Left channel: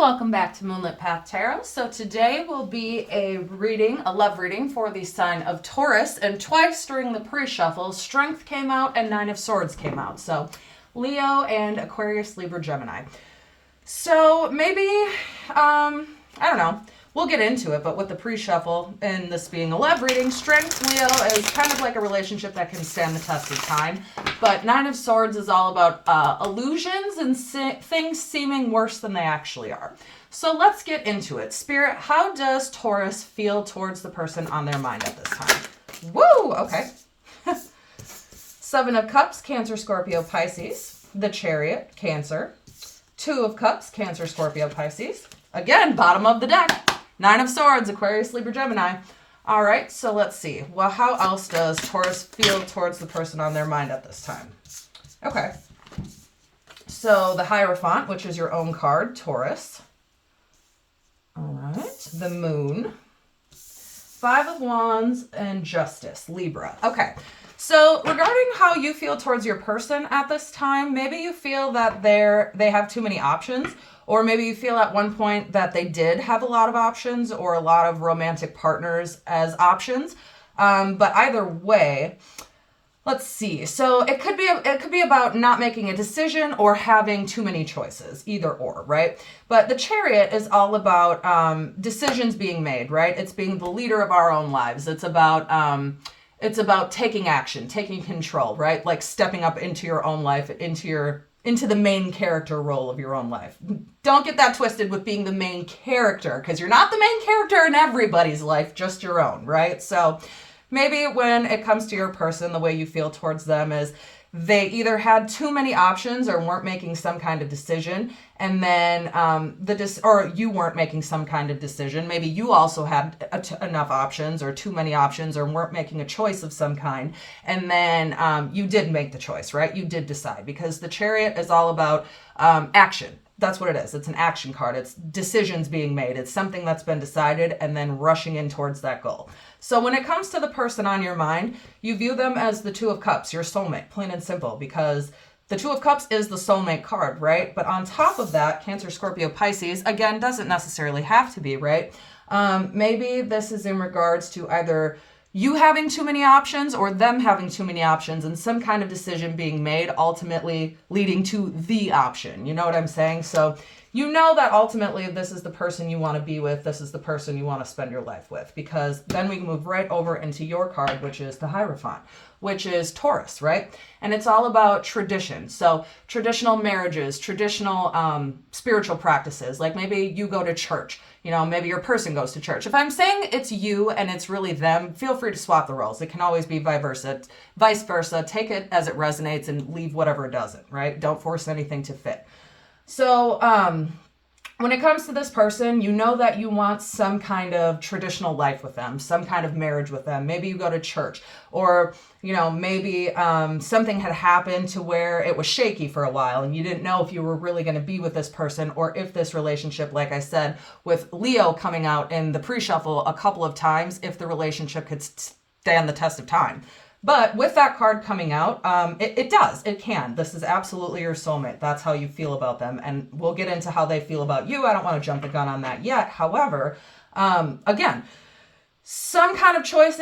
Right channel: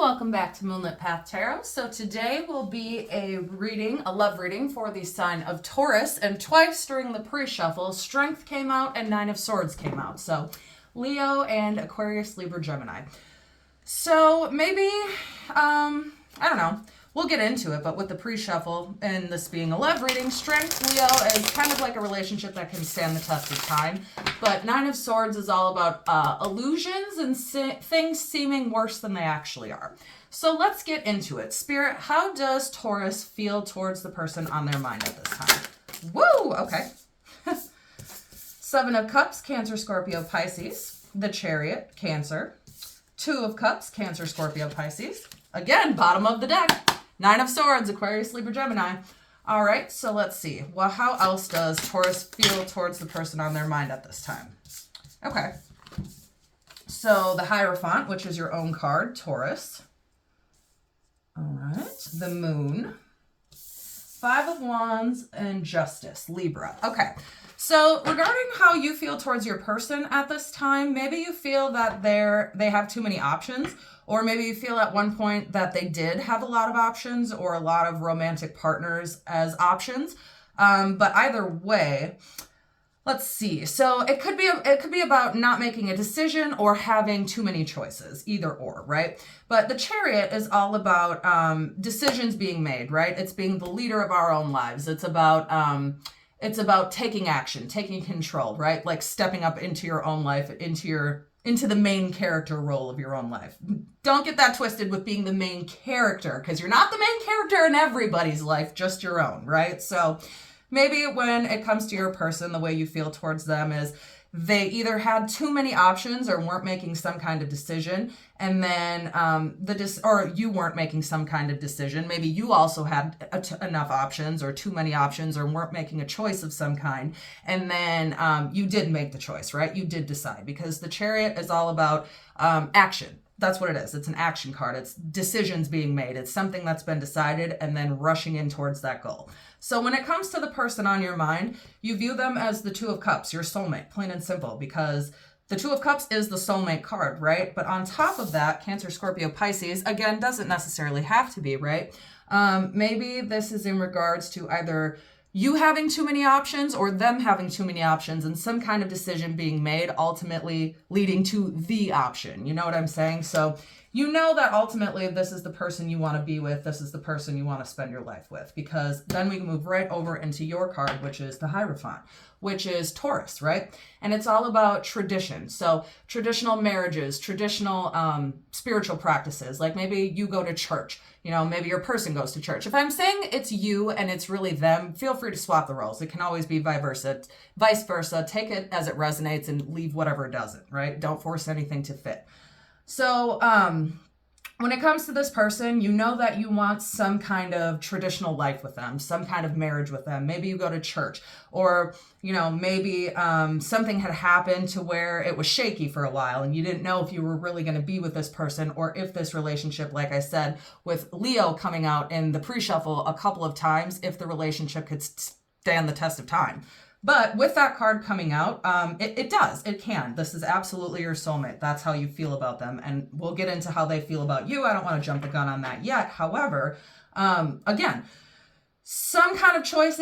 welcome back to Moonlit Path Tarot. So today will be a love reading for the sign of Taurus, and twice during the pre-shuffle, Strength came out and Nine of Swords came out. So Leo and Aquarius, Libra, Gemini. So maybe, I don't know, we'll get into it, but with the pre-shuffle and this being a love reading, Strength, Leo is kind of like a relationship that can stand the test of time. But Nine of Swords is all about illusions and things seeming worse than they actually are. So let's get into it. Spirit, how does Taurus feel towards the person on their mind at this time? Woo! Okay. Seven of Cups, Cancer, Scorpio, Pisces. The Chariot, Cancer. Two of Cups, Cancer, Scorpio, Pisces. Again, bottom of the deck. Nine of Swords, Aquarius, Libra, Gemini. All right, so let's see. Well, how else does Taurus feel towards the person on their mind at this time? Okay. So the Hierophant, which is your own card, Taurus. All right. The Moon. Five of Wands and Justice, Libra. Okay. So regarding how you feel towards your person at this time, maybe you feel that they have too many options, or maybe you feel at one point that they did have a lot of options or a lot of romantic partners as options. But either way, let's see. So it could be about not making a decision or having too many choices, either or, right? But the Chariot is all about decisions being made, right? It's being the leader of our own lives. It's about taking action, taking control, right? Like stepping up into your own life, into the main character role of your own life. Don't get that twisted with being the main character, because you're not the main character in everybody's life, just your own, right? So maybe when it comes to your person, the way you feel towards them is they either had too many options or weren't making some kind of decision, and then or you weren't making some kind of decision. Maybe you also had enough options or too many options or weren't making a choice of some kind, and then you did make the choice, right? You did decide, because the Chariot is all about action. That's what it is. It's an action card. It's decisions being made. It's something that's been decided and then rushing in towards that goal. So when it comes to the person on your mind, you view them as the Two of Cups, your soulmate, plain and simple, because the Two of Cups is the soulmate card, right? But on top of that, Cancer, Scorpio, Pisces, again, doesn't necessarily have to be, right? Maybe this is in regards to either you having too many options or them having too many options and some kind of decision being made, ultimately leading to the option. You know what I'm saying? So you know that ultimately this is the person you want to be with. This is the person you want to spend your life with, because then we can move right over into your card, which is the Hierophant, which is Taurus, right? And it's all about tradition. So traditional marriages, traditional spiritual practices, like maybe you go to church. You know, maybe your person goes to church. If I'm saying it's you and it's really them, feel free to swap the roles. It can always be vice versa. Take it as it resonates and leave whatever doesn't, right? Don't force anything to fit. So when it comes to this person, you know that you want some kind of traditional life with them, some kind of marriage with them. Maybe you go to church, or, you know, maybe something had happened to where it was shaky for a while and you didn't know if you were really going to be with this person, or if this relationship, like I said, with Leo coming out in the pre-shuffle a couple of times, if the relationship could stand the test of time. But with that card coming out, it can. This is absolutely your soulmate. That's how you feel about them. And we'll get into how they feel about you. I don't want to jump the gun on that yet. However, again, some kind of choice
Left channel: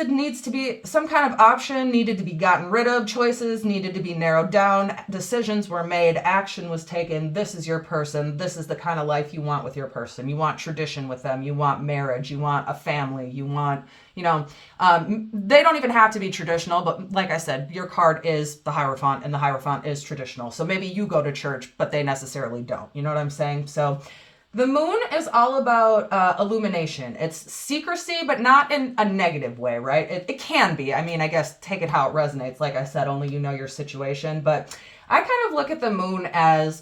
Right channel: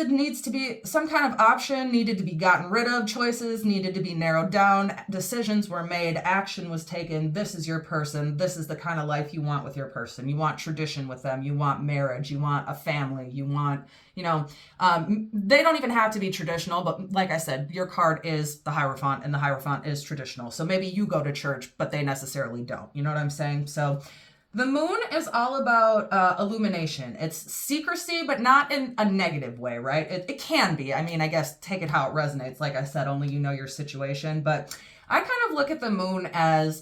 some kind of option needed to be gotten rid of. Choices needed to be narrowed down. Decisions were made. Action was taken. This is your person. This is the kind of life you want with your person. You want tradition with them. You want marriage. You want a family. You want, you know, they don't even have to be traditional, but like I said, your card is the Hierophant and the Hierophant is traditional. So maybe you go to church, but they necessarily don't. You know what I'm saying? So the Moon is all about illumination. It's secrecy, but not in a negative way, right? It can be. I mean, I guess take it how it resonates. Like I said, only you know your situation. But I kind of look at the Moon as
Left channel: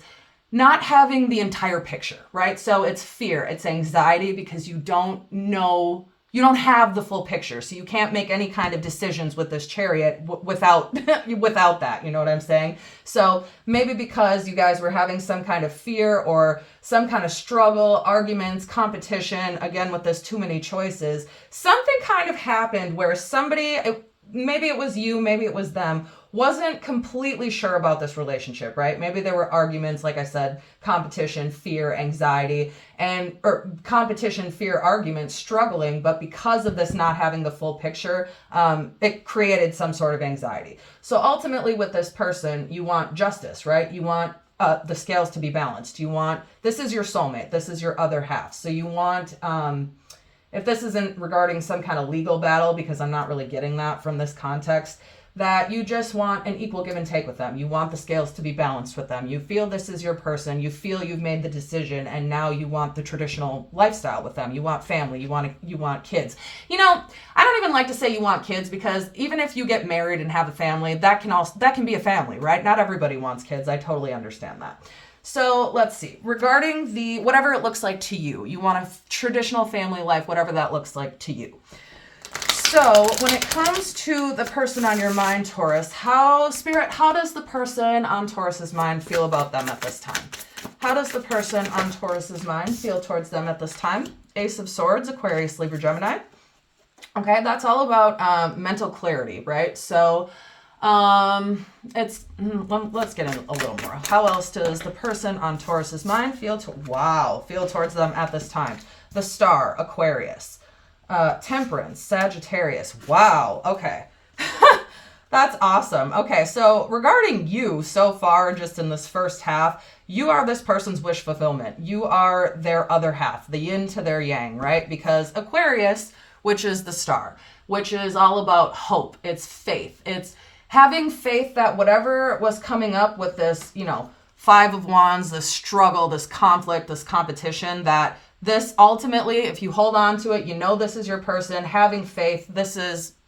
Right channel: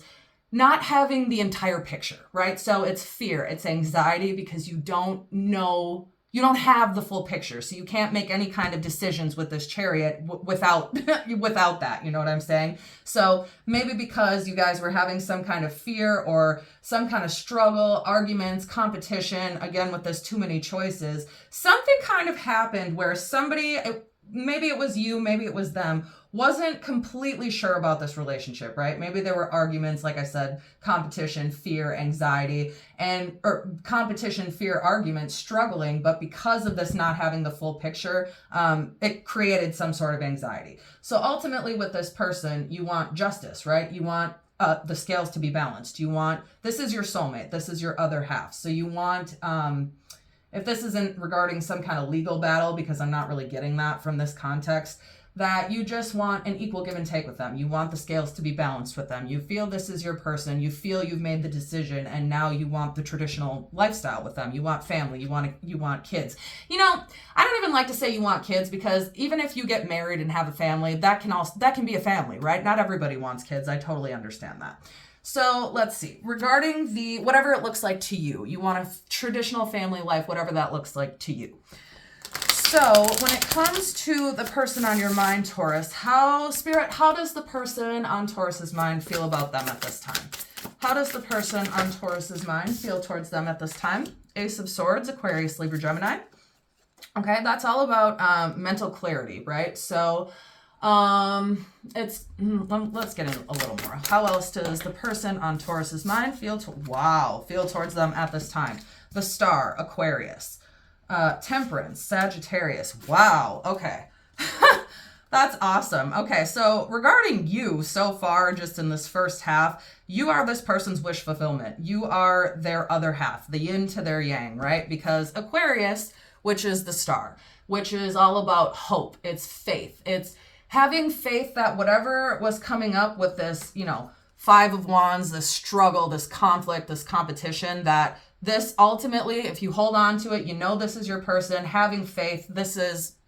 not having the entire picture, right? So it's fear, it's anxiety, because you don't know, you don't have the full picture. So you can't make any kind of decisions with this Chariot without that, you know what I'm saying? So maybe because you guys were having some kind of fear or some kind of struggle, arguments, competition, again, with this too many choices, something kind of happened where somebody, maybe it was you, maybe it was them, wasn't completely sure about this relationship, right? Maybe there were arguments, like I said, competition, fear, anxiety, or competition, fear, arguments, struggling, but because of this not having the full picture, it created some sort of anxiety. So ultimately with this person, you want justice, right? You want the scales to be balanced. You want, this is your soulmate, this is your other half. So you want, if this isn't regarding some kind of legal battle, because I'm not really getting that from this context, that you just want an equal give and take with them. You want the scales to be balanced with them. You feel this is your person. You feel you've made the decision, and now you want the traditional lifestyle with them. You want family. You want kids. You know, I don't even like to say you want kids, because even if you get married and have a family, that can be a family, right? Not everybody wants kids. I totally understand that. So let's see. Regarding the whatever it looks like to you, you want a traditional family life, whatever that looks like to you. So when it comes to the person on your mind, Taurus, how does the person on Taurus's mind feel about them at this time? How does the person on Taurus's mind feel towards them at this time? Ace of Swords, Aquarius, Libra, Gemini. Okay, that's all about mental clarity, right? So let's get in a little more. How else does the person on Taurus's mind feel towards them at this time? The Star, Aquarius. Temperance, Sagittarius. Wow. Okay. That's awesome. Okay. So regarding you so far, just in this first half, you are this person's wish fulfillment. You are their other half, the yin to their yang, right? Because Aquarius, which is the Star, which is all about hope. It's faith. It's having faith that whatever was coming up with this, Five of Wands, this struggle, this conflict, this competition, that this ultimately, if you hold on to it, this is your person, having faith,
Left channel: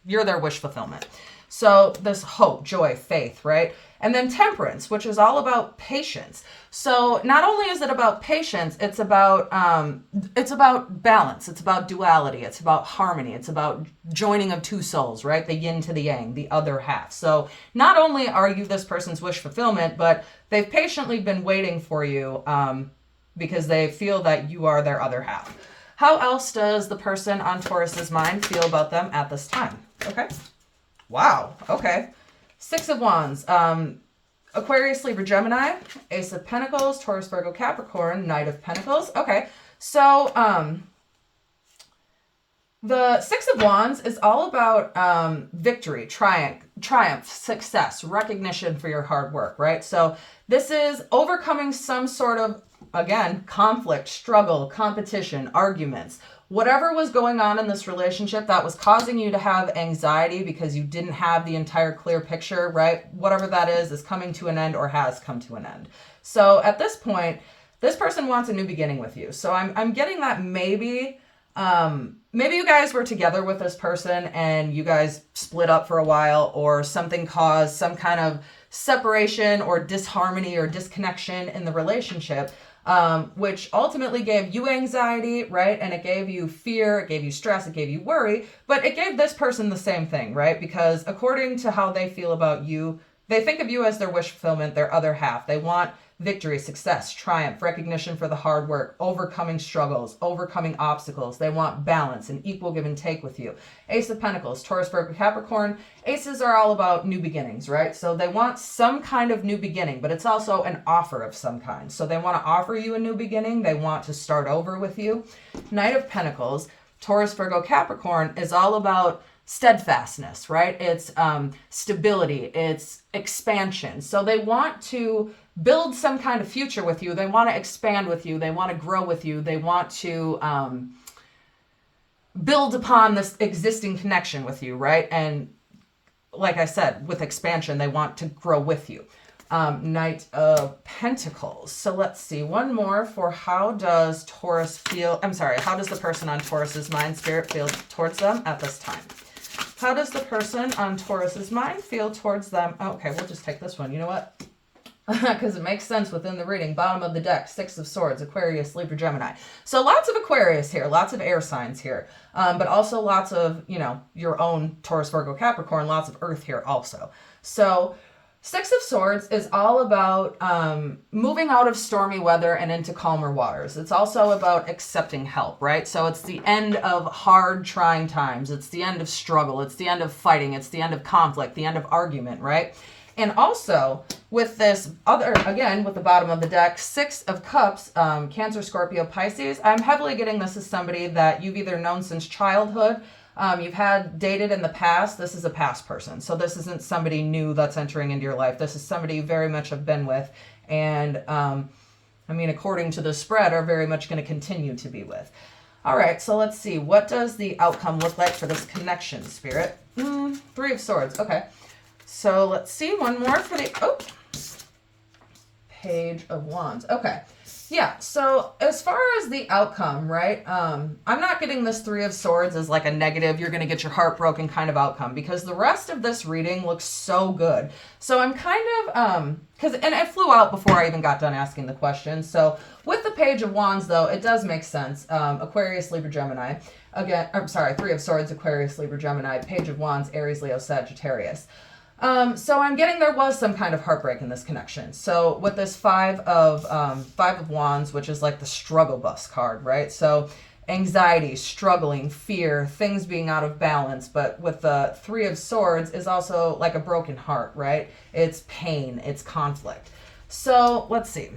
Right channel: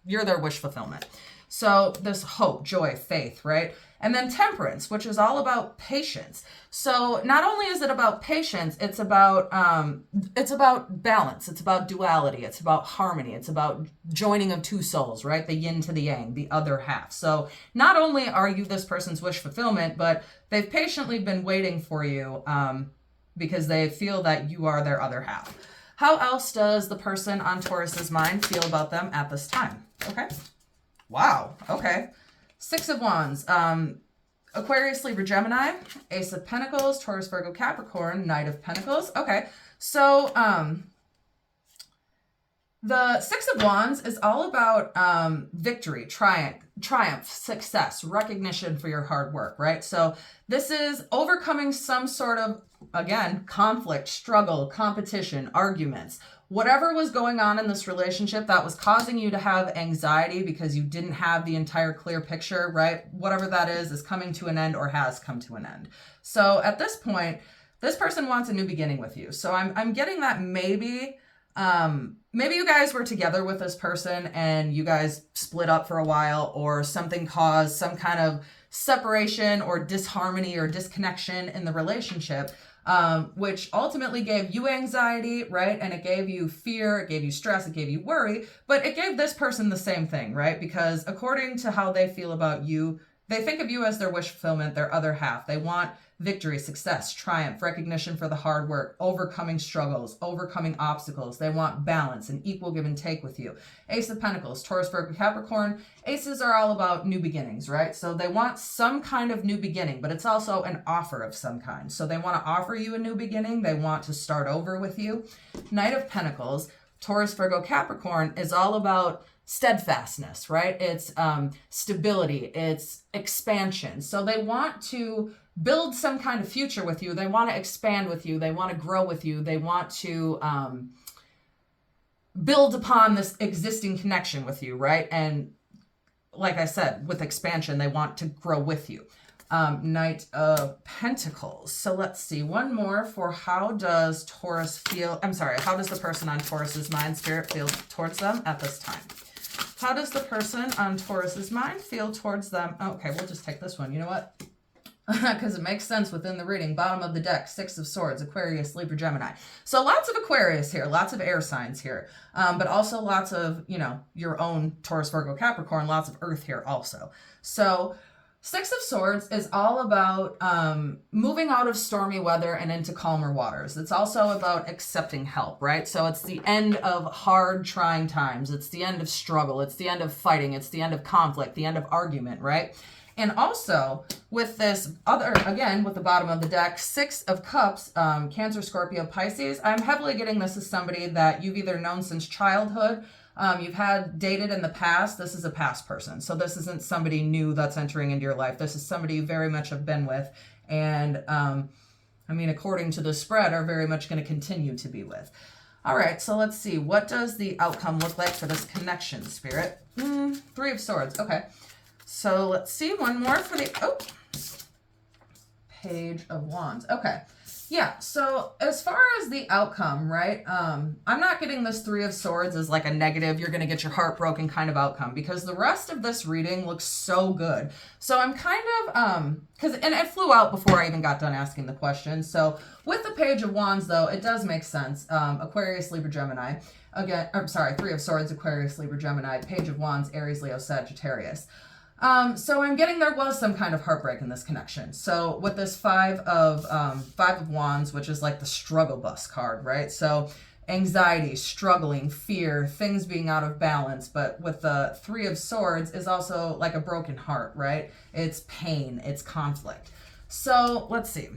you're their wish fulfillment. So this hope, joy, faith, right? And then Temperance, which is all about patience. So not only is it about patience, it's about balance. It's about duality. It's about harmony. It's about joining of two souls, right? The yin to the yang, the other half. So not only are you this person's wish fulfillment, but they've patiently been waiting for you, because they feel that you are their other half. How else does the person on Taurus's mind feel about them at this time? Okay. Wow. Okay. Six of Wands. Aquarius, Libra, Gemini. Ace of Pentacles. Taurus, Virgo, Capricorn. Knight of Pentacles. Okay. So the Six of Wands is all about victory, triumph, success, recognition for your hard work, right? So this is overcoming some sort of, again, conflict, struggle, competition, arguments, whatever was going on in this relationship that was causing you to have anxiety because you didn't have the entire clear picture, right? Whatever that is coming to an end or has come to an end. So at this point, this person wants a new beginning with you. So I'm getting that maybe you guys were together with this person and you guys split up for a while, or something caused some kind of separation or disharmony or disconnection in the relationship, which ultimately gave you anxiety, right? And it gave you fear, it gave you stress, it gave you worry, but it gave this person the same thing, right? Because according to how they feel about you, they think of you as their wish fulfillment, their other half. They want victory, success, triumph, recognition for the hard work, overcoming struggles, overcoming obstacles. They want balance and equal give and take with you. Ace of Pentacles, Taurus, Virgo, Capricorn. Aces are all about new beginnings, right? So they want some kind of new beginning, but it's also an offer of some kind. So they want to offer you a new beginning. They want to start over with you. Knight of Pentacles, Taurus, Virgo, Capricorn is all about steadfastness, right? It's stability, it's expansion. So they want to build some kind of future with you. They want to expand with you. They want to grow with you. They want to build upon this existing connection with you, right? And like I said, with expansion, they want to grow with you. Knight of Pentacles. So let's see, one more for how does the person on Taurus's mind, spirit, feel towards them at this time? How does the person on Taurus's mind feel towards them? Okay, we'll just take this one. You know what? Because it makes sense within the reading. Bottom of the deck, Six of Swords, Aquarius, Libra, Gemini. So lots of Aquarius here, lots of air signs here, but also lots of, your own Taurus, Virgo, Capricorn, lots of earth here also. So Six of Swords is all about moving out of stormy weather and into calmer waters. It's also about accepting help, right? So it's the end of hard, trying times. It's the end of struggle. It's the end of fighting. It's the end of conflict, the end of argument, right? And also with this other, again, with the bottom of the deck, Six of Cups, Cancer, Scorpio, Pisces, I'm heavily getting this as somebody that you've either known since childhood, you've had dated in the past. This is a past person. So this isn't somebody new that's entering into your life. This is somebody you very much have been with. And, I mean, according to the spread, are very much going to continue to be with. All right, so let's see. What does the outcome look like for this connection, Spirit? Three of Swords. Okay. So let's see. One more for the... Page of Wands. Okay. Yeah, so as far as the outcome, right, I'm not getting this Three of Swords as like a negative, you're going to get your heart broken kind of outcome, because the rest of this reading looks so good. So I'm kind of, and it flew out before I even got done asking the question. So with the Page of Wands, though, it does make sense. Aquarius, Libra, Gemini. Again, I'm sorry, Three of Swords, Aquarius, Libra, Gemini. Page of Wands, Aries, Leo, Sagittarius. So I'm getting there was some kind of heartbreak in this connection. So with this Five of Wands, which is like the struggle bus card, right? So anxiety, struggling, fear, things being out of balance. But with the Three of Swords is also like a broken heart, right? It's pain, it's conflict. So let's see.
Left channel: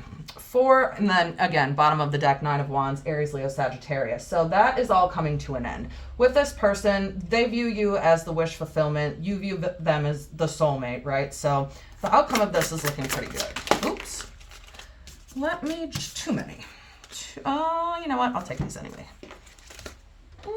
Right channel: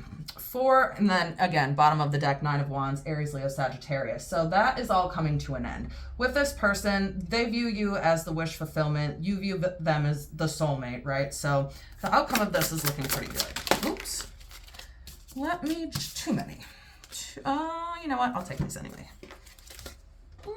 And then again, bottom of the deck, Nine of Wands, Aries, Leo, Sagittarius. So that is all coming to an end. With this person, they view you as the wish fulfillment. You view them as the soulmate, right? So the outcome of this is looking pretty good. Oops. Too many. You know what? I'll take these anyway. Go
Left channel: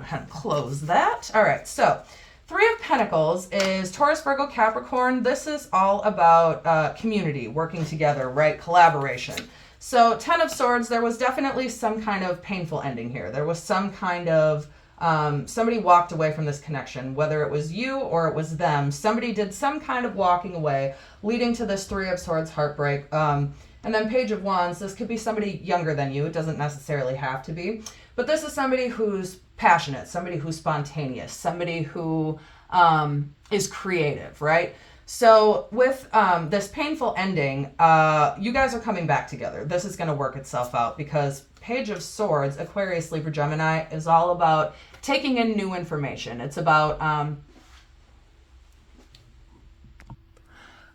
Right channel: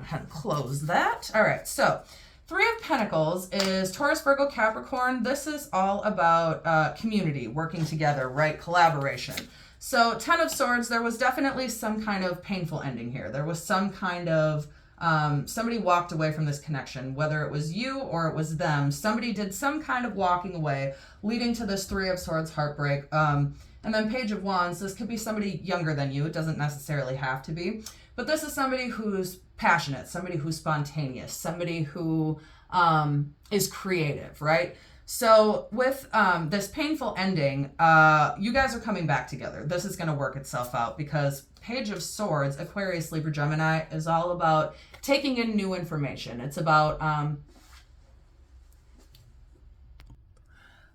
ahead and close that. All right, so Three of Pentacles is Taurus, Virgo, Capricorn. This is all about community, working together, right? Collaboration. So Ten of Swords, there was definitely some kind of painful ending here. There was some kind of, somebody walked away from this connection, whether it was you or it was them. Somebody did some kind of walking away, leading to this Three of Swords heartbreak. And then Page of Wands, this could be somebody younger than you. It doesn't necessarily have to be. But this is somebody who's passionate, somebody who's spontaneous, somebody who is creative, right? So with this painful ending, you guys are coming back together. This is going to work itself out, because Page of Swords, Aquarius, Libra, Gemini, is all about taking in new information. It's about...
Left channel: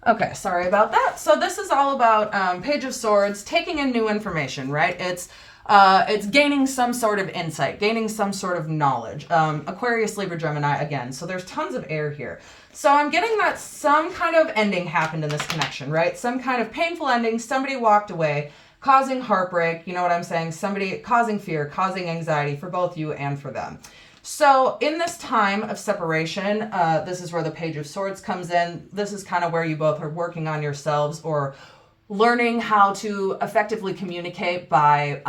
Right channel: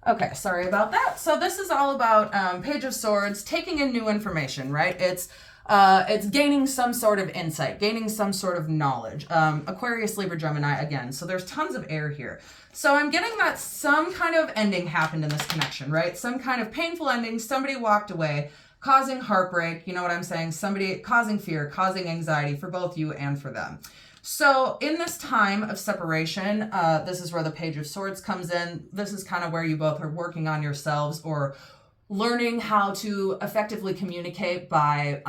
Okay, sorry about that. So this is all about Page of Swords, taking in new information, right? It's gaining some sort of insight, gaining some sort of knowledge. Aquarius, Libra, Gemini, again. So there's tons of air here. So I'm getting that some kind of ending happened in this connection, right? Some kind of painful ending. Somebody walked away, causing heartbreak. You know what I'm saying? Somebody causing fear, causing anxiety for both you and for them. So in this time of separation, this is where the Page of Swords comes in. This is kind of where you both are working on yourselves, or learning how to effectively communicate by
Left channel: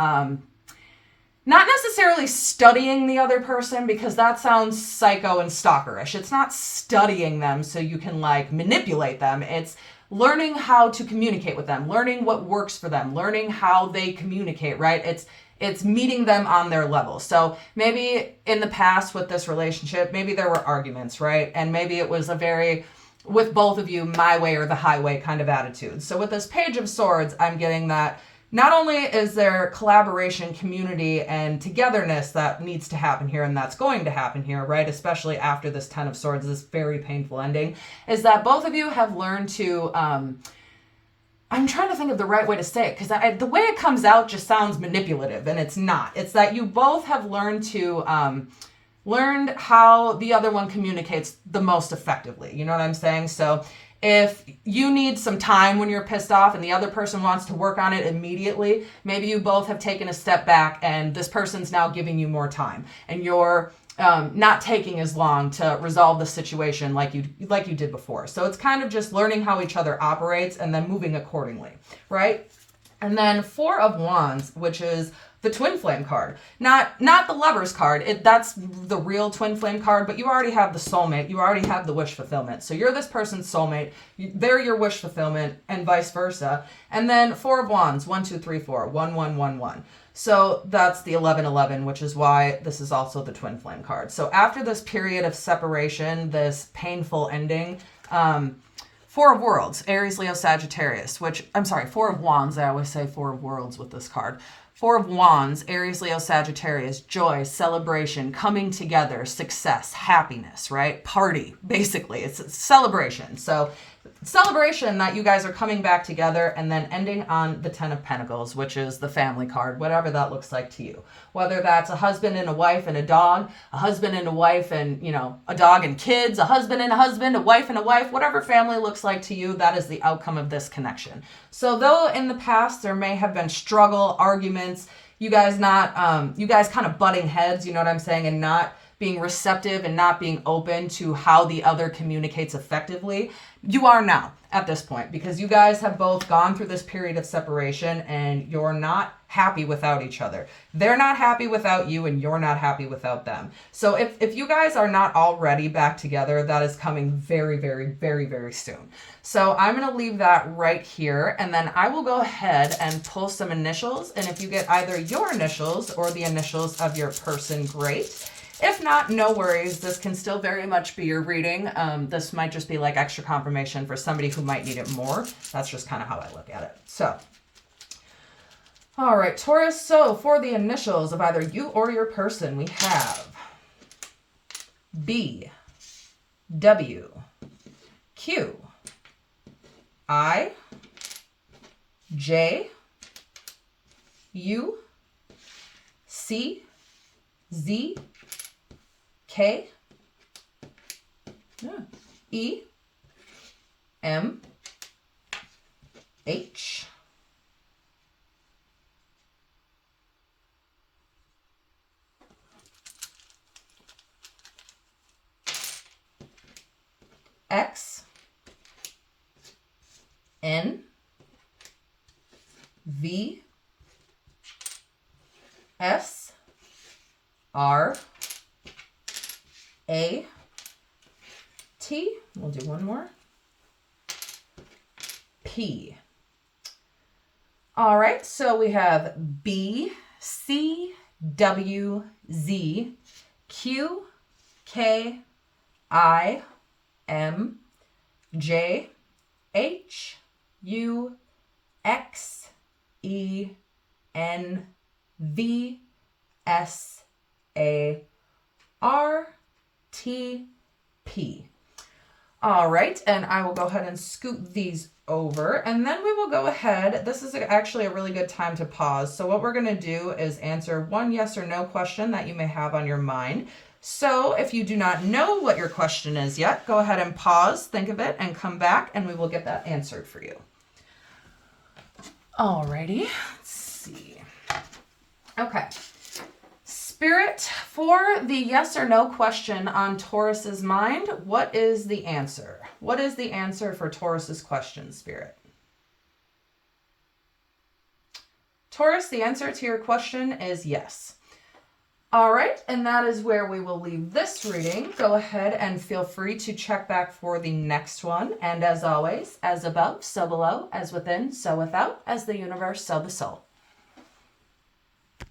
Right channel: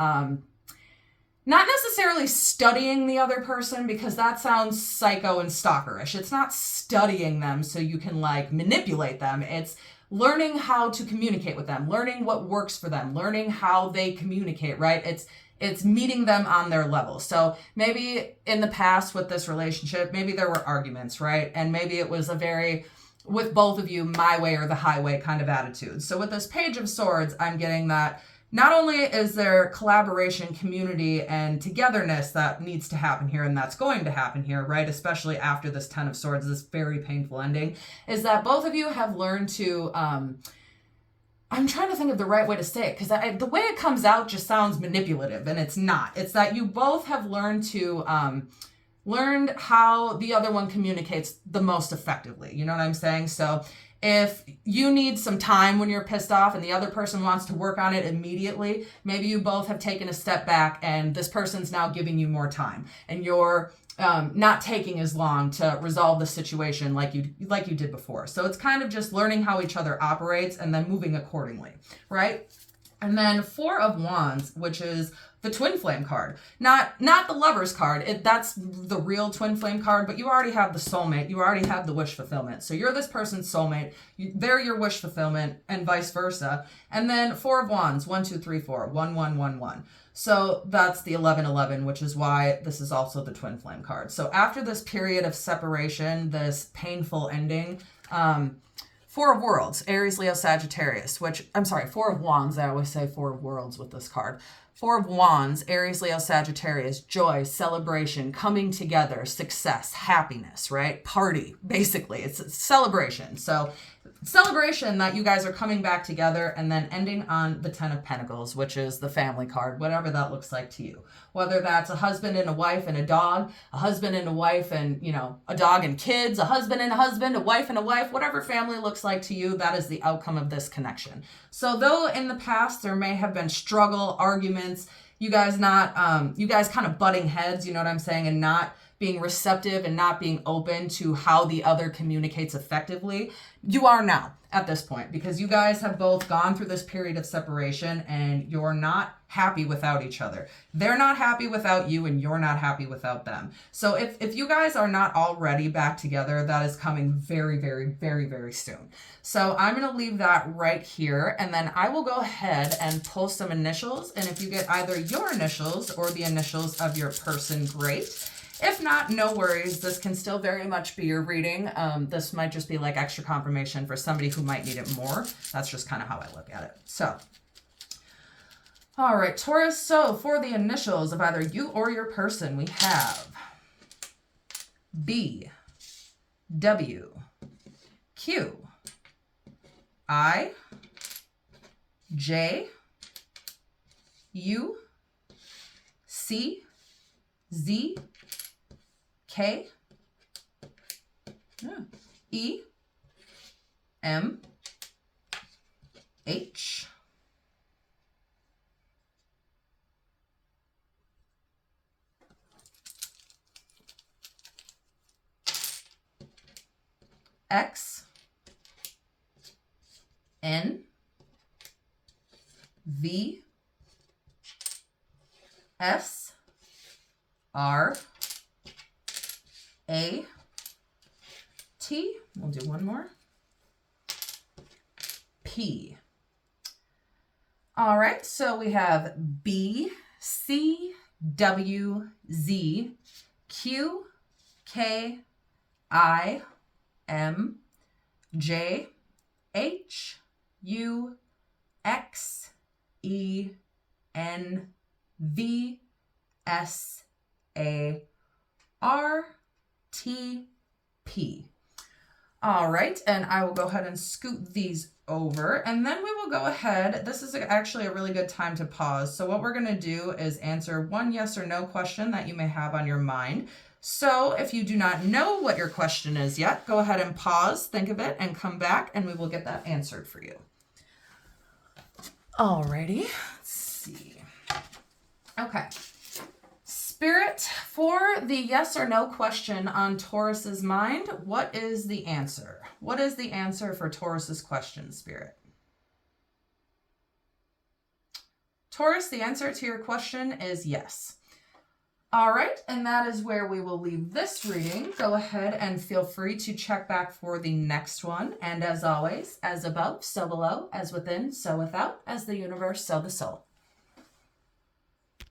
not necessarily studying the other person, because that sounds psycho and stalkerish. It's not studying them so you can like manipulate them. It's learning how to communicate with them, learning what works for them, learning how they communicate, right? It's meeting them on their level. So maybe in the past with this relationship, maybe there were arguments, right? And maybe it was a very, with both of you, my way or the highway kind of attitude. So with this Page of Swords, I'm getting that not only is there collaboration, community, and togetherness that needs to happen here, and that's going to happen here, right? Especially after this Ten of Swords, this very painful ending, is that both of you have learned to, I'm trying to think of the right way to say it, because the way it comes out just sounds manipulative, and it's not. It's that you both have learned to, learned how the other one communicates the most effectively. You know what I'm saying? So if you need some time when you're pissed off and the other person wants to work on it immediately, maybe you both have taken a step back and this person's now giving you more time, and you're not taking as long to resolve the situation like you did before. So it's kind of just learning how each other operates and then moving accordingly, right? And then Four of Wands, which is the Twinflame card. Not the Lover's card. That's the real Twinflame card, but you already have the soulmate. You already have the wish fulfillment. So you're this person's soulmate. They're your wish fulfillment, and vice versa. And then Four of Wands, 1, 2, 3, 4, 1, 1, 1, 1. So that's the 1111, which is why this is also the Twinflame card. So after this period of separation, this painful ending, Four of Worlds, Aries, Leo, Sagittarius, which, I'm sorry, Four of Wands. I always say Four of Worlds with this card. Four of Wands, Aries, Leo, Sagittarius, joy, celebration, coming together, success, happiness, right? Party, basically. It's a celebration. So celebration that you guys are coming back together, and then ending on the Ten of Pentacles, which is the family card, whatever that looks like to you. Whether that's a husband and a wife and a dog, a husband and a wife and, you know, a dog and kids, a husband, a wife and a wife, whatever family looks like to you, that is the outcome of this connection. So though in the past there may have been struggle, arguments, you guys kind of butting heads, you know what I'm saying, and not being receptive and not being open to how the other communicates effectively, you are now at this point, because you guys have both gone through this period of separation and you're not happy without each other. They're not happy without you and you're not happy without them. So if you guys are not already back together, that is coming very, very, very, very soon. So I'm going to leave that right here, and then I will go ahead and pull some initials, and if you get either your initials or the initials of your person, great. If not, no worries. This can still very much be your reading. This might just be like extra confirmation for somebody who might need it more. That's just kind of how I look at it. So, all right, Taurus. So for the initials of either you or your person, we have B, W, Q, I, J, U, C, Z, K, E, M, H, X, N, V, S, R, A, T, we'll do one more, P. All right, so we have B, C, W, Z, Q, K, I, M, J, H, U, X, E, N, V, S, A, R, T, P. All right, and I will go ahead and scoot these over, and then we will go ahead. This is actually a really good time to pause. So what we're going to do is answer one yes or no question that you may have on your mind. So if you do not know what your question is yet, go ahead and pause, think of it, and come back, and we will get that answered for you. Alrighty, let's see. Okay. Spirit, for the yes or no question on Taurus's mind, what is the answer? What is the answer for Taurus's question, Spirit? Taurus, the answer to your question is yes. All right, and that is where we will leave this reading. Go ahead and feel free to check back for the next one. And as always, as above, so below, as within, so without, as the universe, so the soul.